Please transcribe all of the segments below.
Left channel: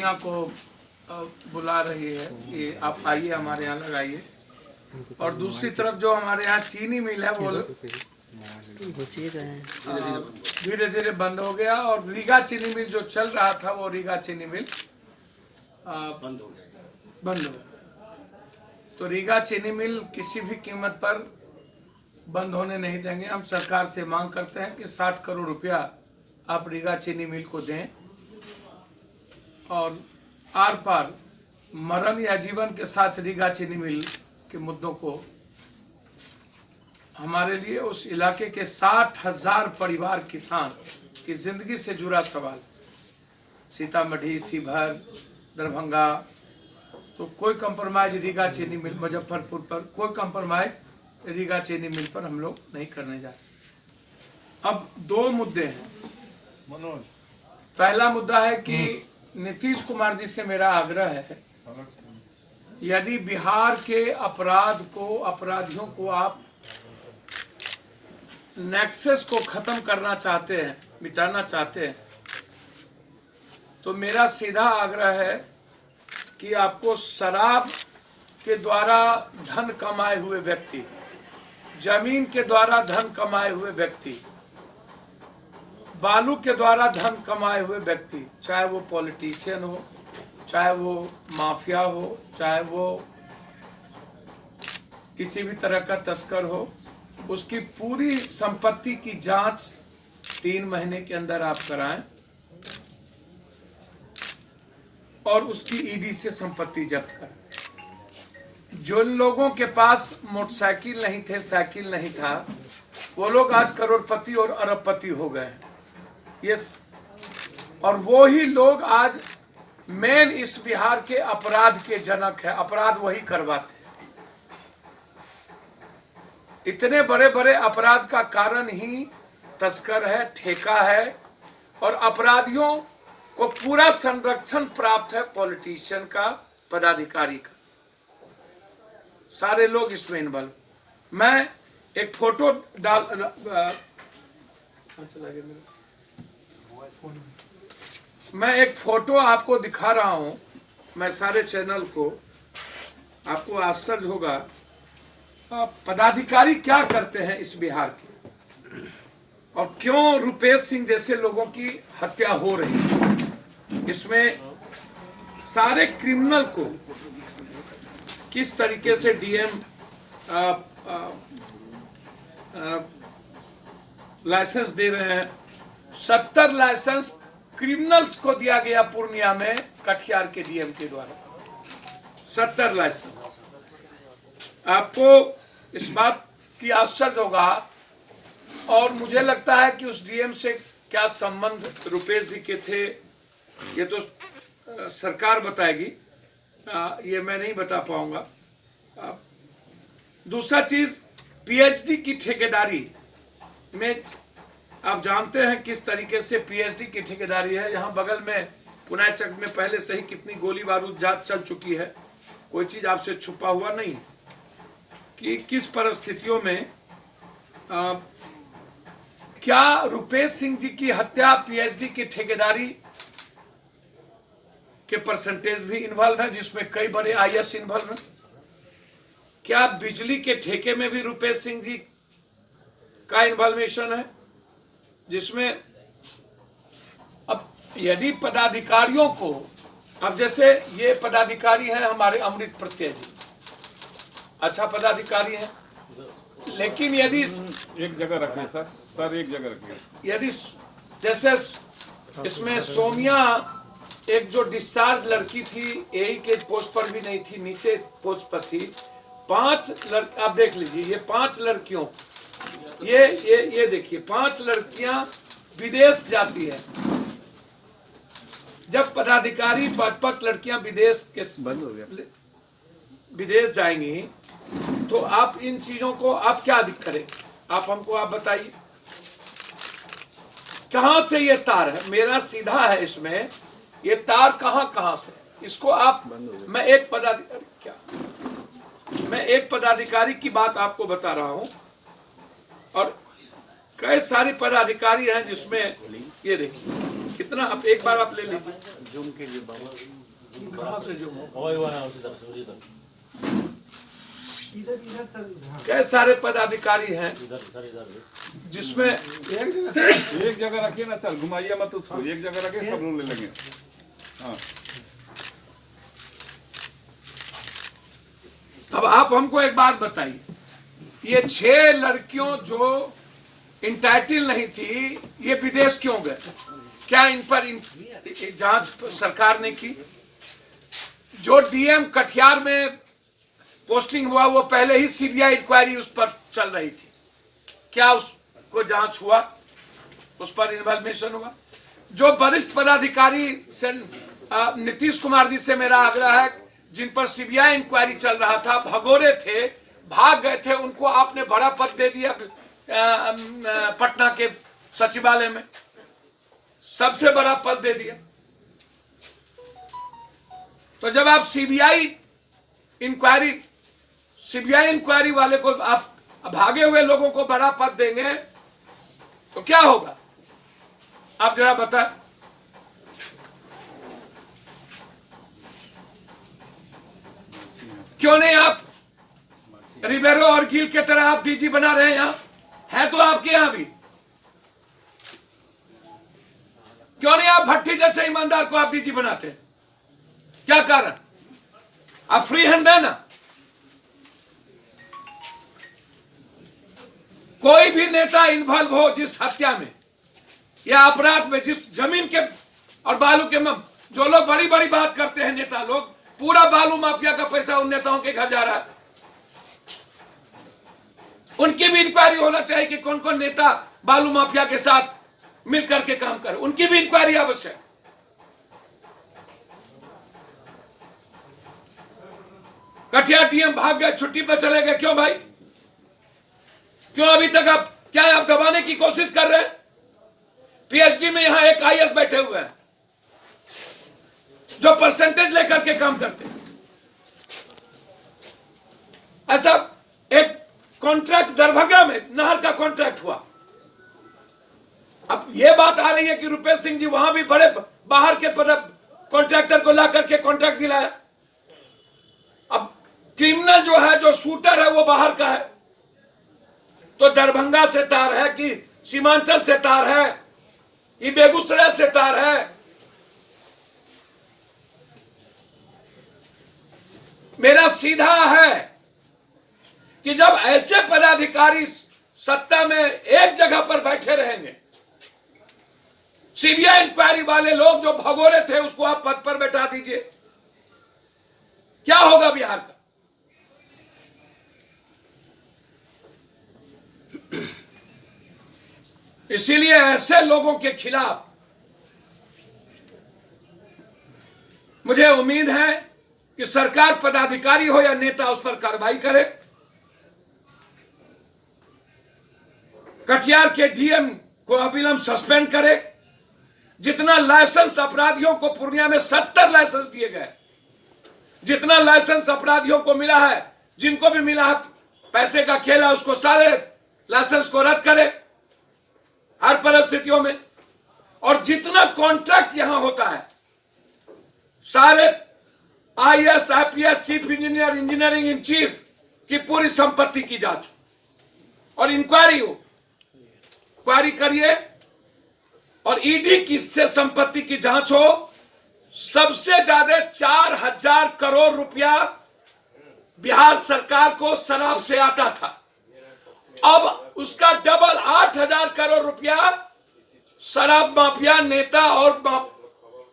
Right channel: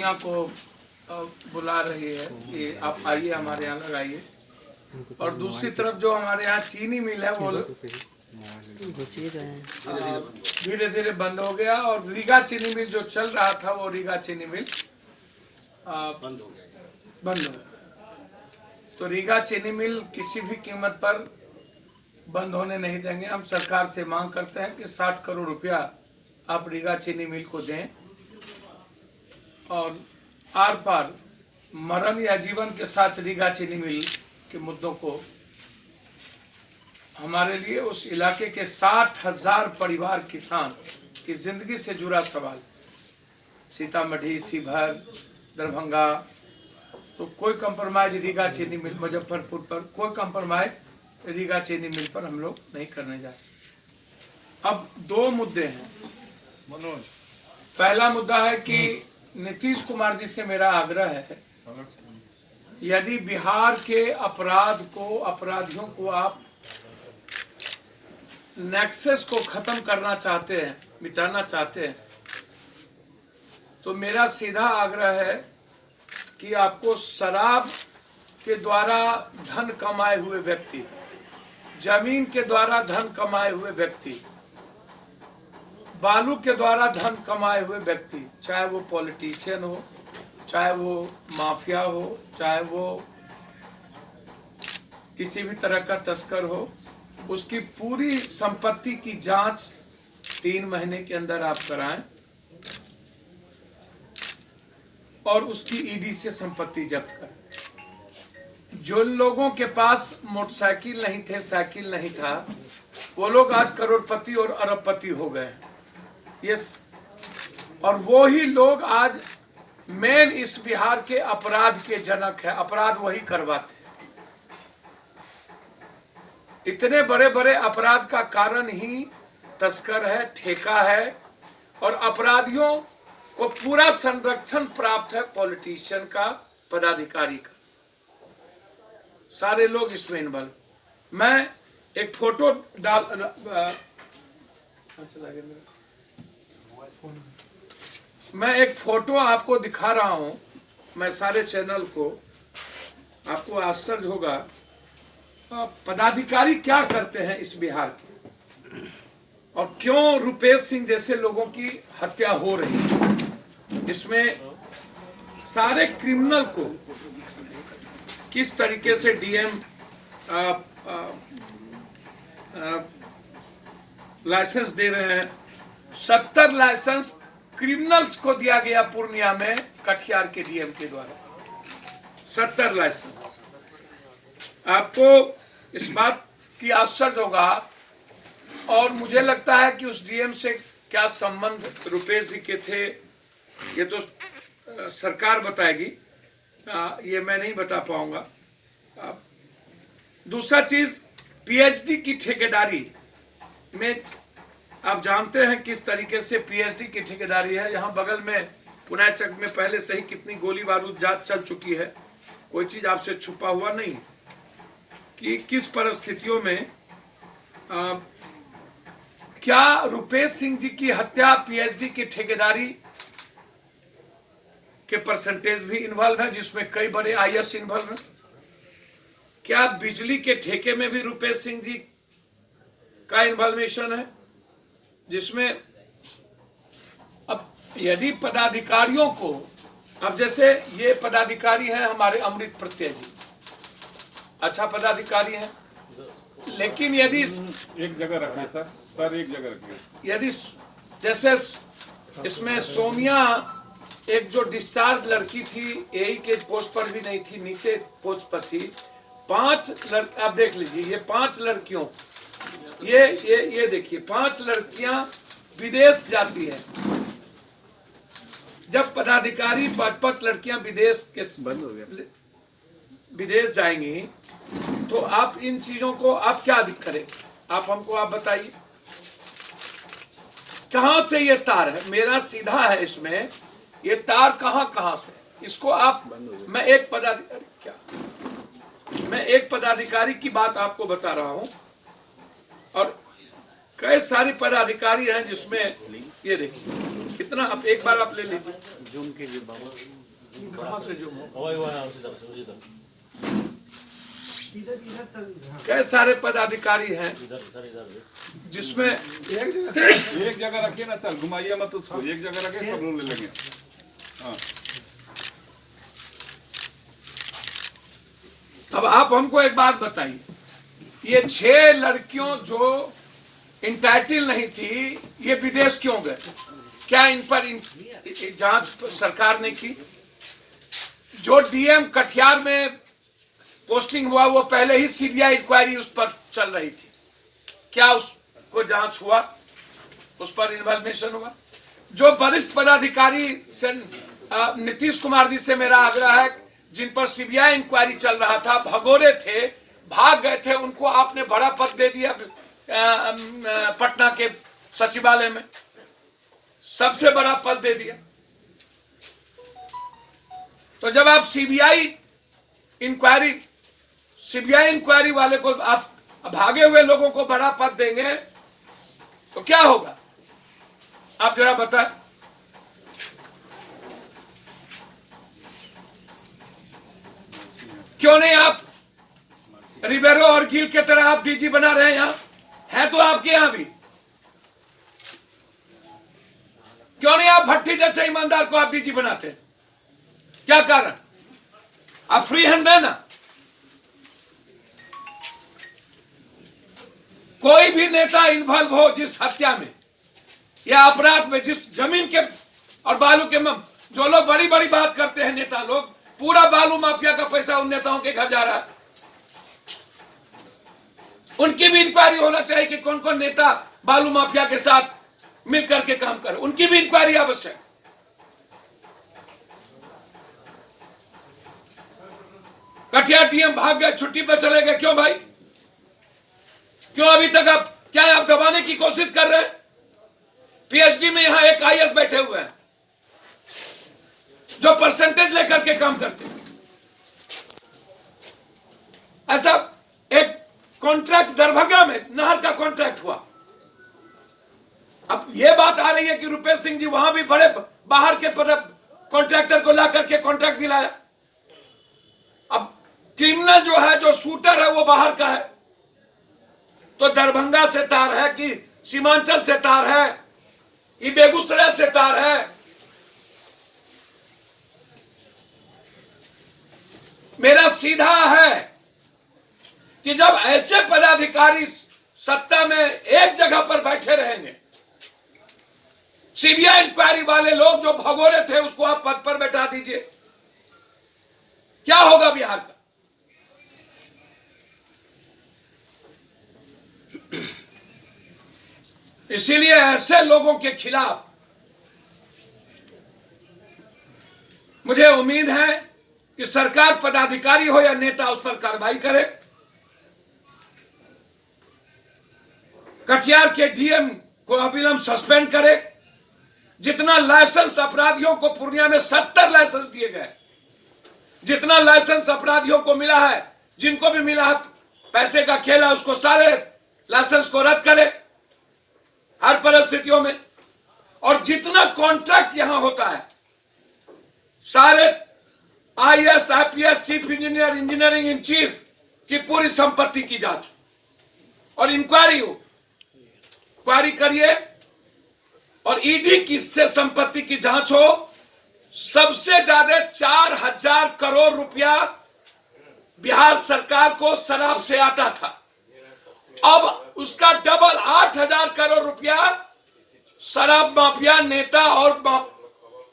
दुनिया को बुला रही है कि आप आइए हमारे यहाँ लगाइए। और दूसरी तरफ जो हमारे यहाँ चीनी मिल है वो धीरे धीरे बंद हो गया। और रीगा चीनी मिल जो चल रहा था वो रीगा चीनी मिल बंद हो गया। तो रीगा चीनी मिल किसी भी कीमत पर बंद होने नहीं देंगे। हम सरकार से मांग करते हैं कि 60 करोड़ रुपया आप रीगा चीनी मिल को दें और आर पार मरण या जीवन के साथ रीगा चीनी मिल के मुद्दों को हमारे लिए उस इलाके के 60,000 परिवार किसान की जिंदगी से जुड़ा सवाल, सीतामढ़ी, शिवहर, दरभंगा, तो कोई कंप्रोमाइज रीगा चीनी मिल, मुजफ्फरपुर पर कोई कंप्रोमाइज रीगा चीनी मिल पर हम लोग नहीं करने जाते। अब दो मुद्दे हैं मनोज। पहला मुद्दा है कि नीतीश कुमार जी से मेरा आग्रह है, यदि बिहार के अपराधियों को आप नेक्सस को खत्म करना चाहते हैं, मिटाना चाहते हैं, तो मेरा सीधा आग्रह है कि आपको शराब के द्वारा धन कमाए हुए व्यक्ति, जमीन के द्वारा धन कमाए हुए व्यक्ति, बालू के द्वारा धन कमाए हुए व्यक्ति, चाहे वो पॉलिटिशियन हो, चाहे वो माफिया हो, चाहे वो किसी भी तरह का तस्कर हो, उसकी पूरी संपत्ति की जांच 3 महीने के अंदर आप कराएं और उसकी ईडी से संपत्ति जब्त करें। जो लोगों के पास मोटरसाइकिल नहीं थे, साइकिल नहीं था, वो लोग आज करोड़पति और अरबपति हो गए। ये और वो ही लोग आज मेन इस बिहार के अपराध के जनक है। अपराध वही करवाते हैं। इतने बड़े बड़े अपराध का कारण ही तस्कर है, ठेका है, और अपराधियों को पूरा संरक्षण प्राप्त है पॉलिटिशियन का, पदाधिकारी का। सारे लोग इसमें इन्वॉल्व। मैं एक फोटो मैं एक फोटो आपको दिखा रहा हूं, मैं सारे चैनल को, आपको आश्चर्य होगा पदाधिकारी क्या करते हैं इस बिहार के, और क्यों रुपेश सिंह जैसे लोगों की हत्या हो रही है। इसमें सारे क्रिमिनल को किस तरीके से डीएम लाइसेंस दे रहे हैं। 70 लाइसेंस क्रिमिनल्स को दिया गया पूर्णिया में कटिहार के डीएम के द्वारा। 70 लाइसेंस। आपको इस बात की आश्चर्य होगा, और मुझे लगता है कि उस डीएम से क्या संबंध रुपेश जी के थे, ये तो सरकार बताएगी, ये मैं नहीं बता पाऊंगा। दूसरा चीज, पीएचडी की ठेकेदारी में आप जानते हैं किस तरीके से पीएचडी की ठेकेदारी है। यहाँ बगल में पुनाचक में पहले से ही कितनी गोली बारूद जांच चल चुकी है, कोई चीज आपसे छुपा हुआ नहीं कि किस परिस्थितियों में क्या रुपेश सिंह जी की हत्या पीएचडी की ठेकेदारी के परसेंटेज भी इन्वॉल्व है, जिसमें कई बड़े आईएएस इन्वॉल्व हैं। क्या बिजली के ठेके में भी रुपेश सिंह जी का इन्वॉल्वेशन है, जिसमें अब यदि पदाधिकारियों को, अब जैसे ये पदाधिकारी है हमारे अमृत प्रत्यय जी, अच्छा पदाधिकारी है, लेकिन यदि एक जगह रखें सर एक जगह रखें। यदि जैसे इसमें सोमिया एक जो डिस्चार्ज लड़की थी, एई के पोस्ट पर भी नहीं थी, नीचे पोस्ट पर थी। 5 आप देख लीजिए, ये 5 लड़कियों, ये देखिए 5 लड़कियां विदेश जाती है। जब पदाधिकारी 5 लड़कियां विदेश के बंद हो गया, विदेश जाएंगी, तो आप इन चीजों को आप क्या करेंगे? आप हमको आप बताइए, कहां से ये तार है? मेरा सीधा है इसमें, ये तार कहां से? इसको आप, मैं एक पदाधिकारी की बात आपको बता रहा हूं, और कई सारी पदाधिकारी हैं जिसमें ये देखिए कितना, आप एक बार आप ले लीजिए कहाँ से जो कई सारे पदाधिकारी हैं जिसमें एक जगह रखिए ना सर, घुमाइए मत उसको, एक जगह रखिए सब लोग ले लेंगे। हाँ अब आप हमको एक बात बताइए, ये 6 लड़कियों जो इंटाइटल नहीं थी ये विदेश क्यों गए? क्या इन पर जांच सरकार ने की? जो डीएम कटिहार में पोस्टिंग हुआ वो पहले ही सीबीआई इंक्वायरी उस पर चल रही थी, क्या उसको जांच हुआ? उस पर इन्वेस्टिगेशन हुआ? जो वरिष्ठ पदाधिकारी से नीतीश कुमार जी से मेरा आग्रह है, जिन पर सीबीआई इंक्वायरी चल रहा था, भगोरे थे, भाग गए थे, उनको आपने बड़ा पद दे दिया पटना के सचिवालय में, सबसे बड़ा पद दे दिया। तो जब आप सीबीआई इंक्वायरी वाले को आप भागे हुए लोगों को बड़ा पद देंगे तो क्या होगा? आप जरा बताएं। क्यों नहीं आप रिबेरो और गिल के तरह आप डीजी बना रहे हैं? यहां है तो आपके यहां भी, क्यों नहीं आप भट्टी जैसे ईमानदार को आप डीजी बनाते हैं? क्या कारण? आप फ्री हैंड देना। कोई भी नेता इन्वॉल्व हो जिस हत्या में या अपराध में, जिस जमीन के और बालू के जो लोग बड़ी बड़ी बात करते हैं नेता लोग, पूरा बालू माफिया का पैसा उन नेताओं के घर जा रहा है, उनकी भी इंक्वायरी होना चाहिए कि कौन कौन नेता बालू माफिया के साथ मिलकर के काम करे, उनकी भी इंक्वायरी आवश्यक। कटिहार डीएम भाग गए, छुट्टी पर चले गए, क्यों भाई? क्यों अभी तक आप दबाने की कोशिश कर रहे हैं? पीएचडी में यहां एक आईएएस बैठे हुए हैं जो परसेंटेज लेकर के काम करते हैं। ऐसा एक कॉन्ट्रैक्ट दरभंगा में नहर का कॉन्ट्रैक्ट हुआ। अब यह बात आ रही है कि रुपेश सिंह जी वहां भी बड़े बाहर के कॉन्ट्रैक्टर को ला करके कॉन्ट्रैक्ट दिलाया। अब क्रिमिनल जो है, जो शूटर है, वो बाहर का है, तो दरभंगा से तार है कि सीमांचल से तार है, ये बेगूसराय से तार है। मेरा सीधा है कि जब ऐसे पदाधिकारी सत्ता में एक जगह पर बैठे रहेंगे, सीबीआई इंक्वायरी वाले लोग जो भगोरे थे उसको आप पद पर बैठा दीजिए, क्या होगा बिहार का? इसीलिए ऐसे लोगों के खिलाफ मुझे उम्मीद है कि सरकार, पदाधिकारी हो या नेता, उस पर कार्रवाई करे। कटिहार के डीएम को अविलंब सस्पेंड करे। जितना लाइसेंस अपराधियों को पूर्णिया में 70 लाइसेंस दिए गए, जितना लाइसेंस अपराधियों को मिला है, जिनको भी मिला है पैसे का खेला, उसको सारे लाइसेंस को रद्द करे हर परिस्थितियों में। और जितना कॉन्ट्रैक्ट यहां होता है, सारे IAS, IPS, chief engineer, engineering in chief की पूरी संपत्ति की जांच और इंक्वायरी हो, इंक्वायरी करिए और ईडी की से संपत्ति की जांच हो। सबसे ज्यादा 4000 करोड़ रुपया बिहार सरकार को शराब से आता था, अब उसका डबल 8000 करोड़ रुपया शराब माफिया नेता और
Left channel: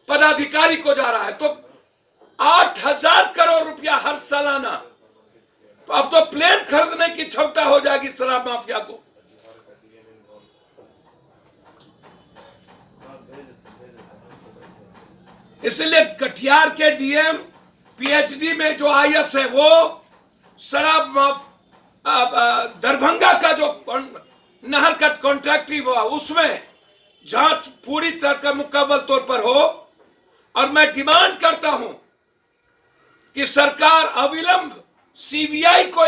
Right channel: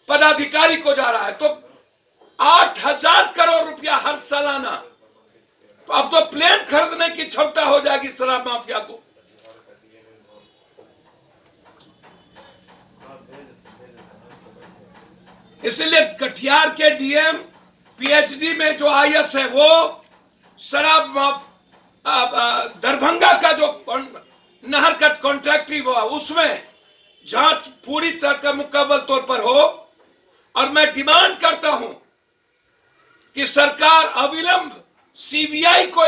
पदाधिकारी को जा रहा है। तो 8000 करोड़ रुपया हर सालाना, तो अब तो प्लेन खरीदने की क्षमता हो जाएगी शराब माफिया को। इसलिए कटिहार के डीएम, पीएचडी में जो आईएएस है, वो शराब दरभंगा का जो नहर का कॉन्ट्रैक्ट हुआ, उसमें जांच पूरी तरह मुकम्मल तौर पर हो। और मैं डिमांड करता हूं कि सरकार अविलंब सीबीआई को